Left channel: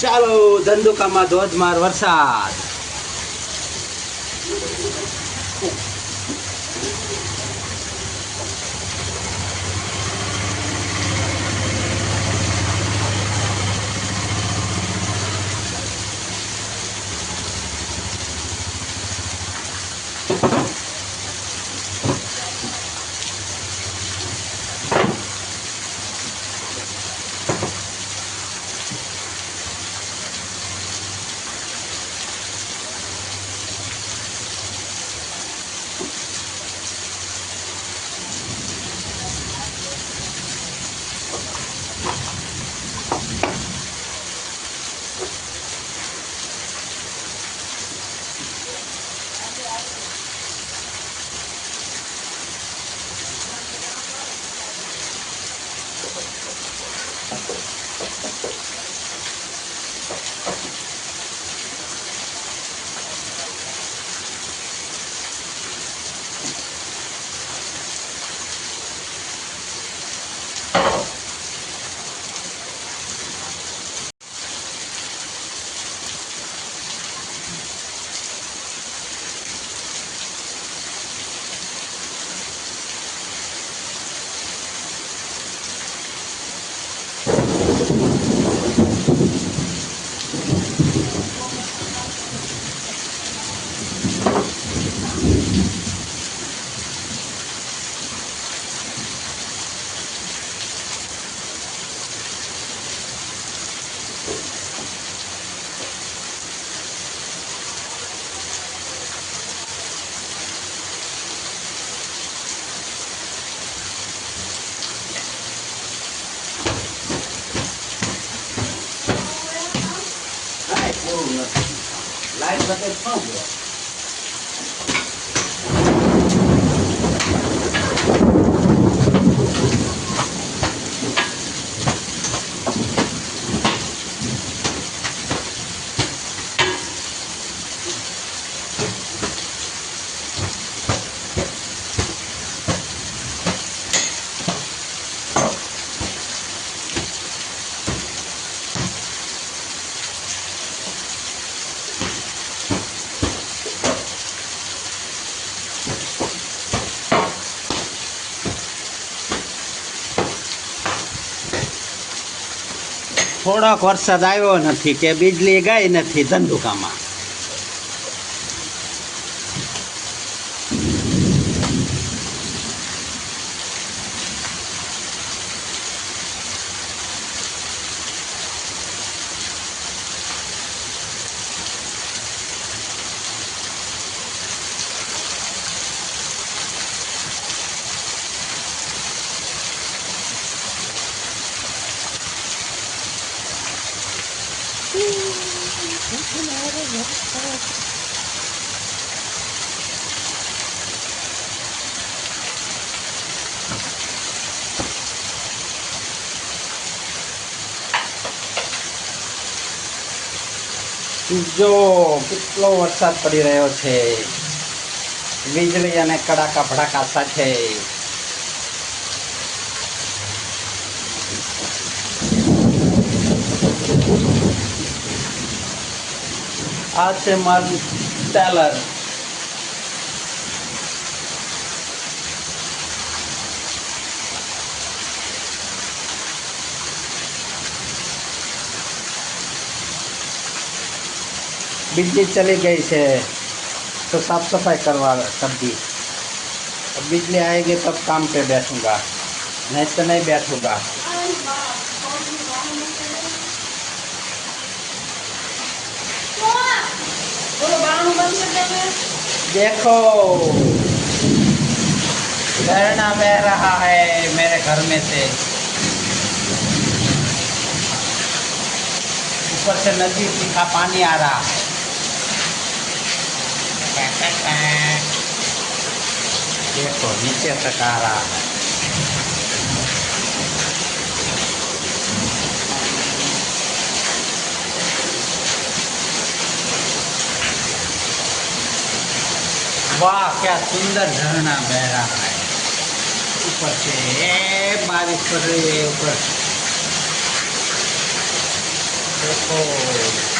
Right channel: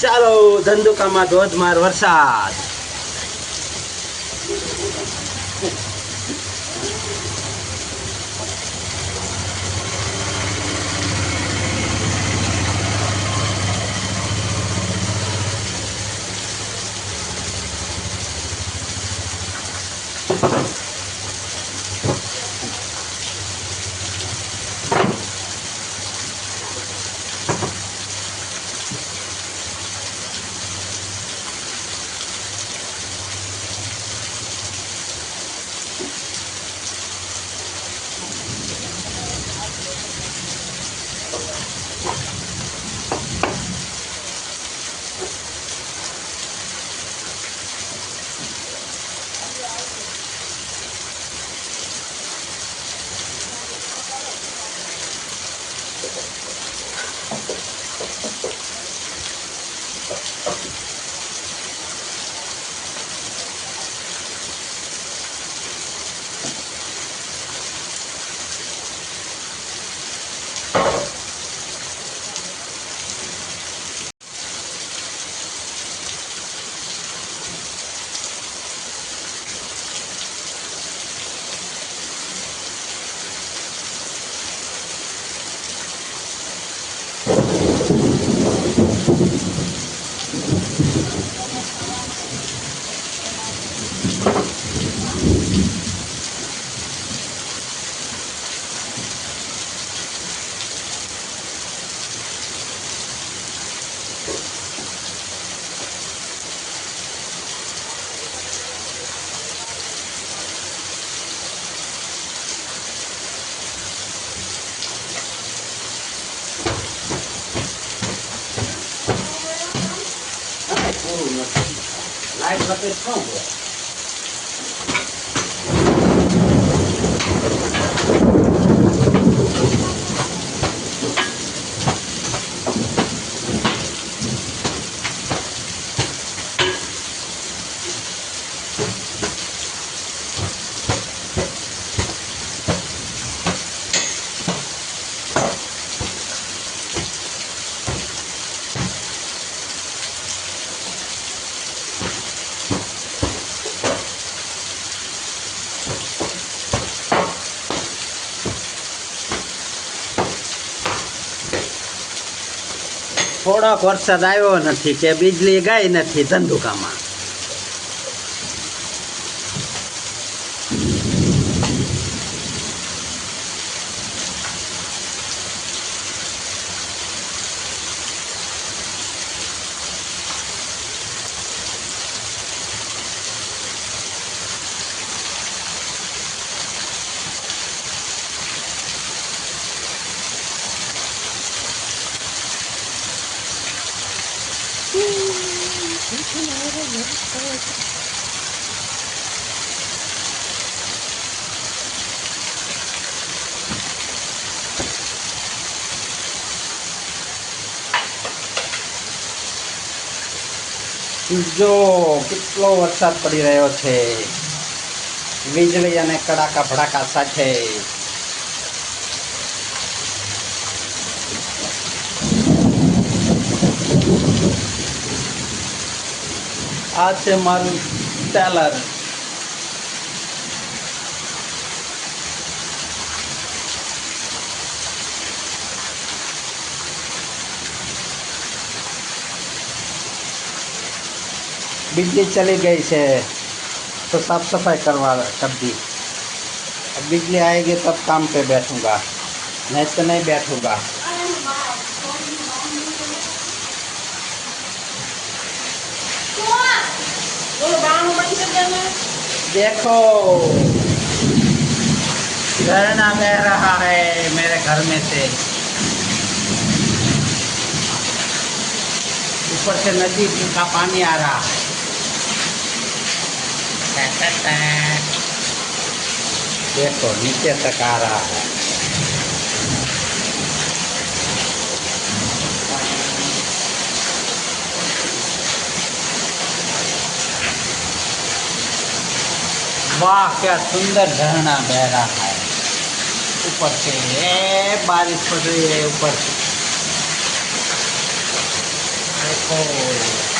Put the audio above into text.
ચાલો ધંધુકામાં ધોધમાર વરસાદ. લાઈટ બતે શું ગયો? થોડાક વરસાદ આવ્યો નથી કે વીજળી ગઈ નથી ધંધુકામાં. જો કેટલો વરસાદ પડી રહ્યો છે, વીજળી અને કડાકા ભડાકા સાથે. આ છે મારું ટેલર. बिजली चली गई है तो साफ सफाई करवा कर दी. अब बिजली आएगी तब काम पे बैठूंगा, नहीं तो नहीं बैठूंगा. देखो झरना बह रहा है मेरे घर में से. ऊपर से नदी का पानी आ रहा है. देखो नीचे तक आ रहा है. वाह क्या सुंदर झरना बह रहा है ऊपर से. बारिश पड़ रही है ऊपर से. ओहो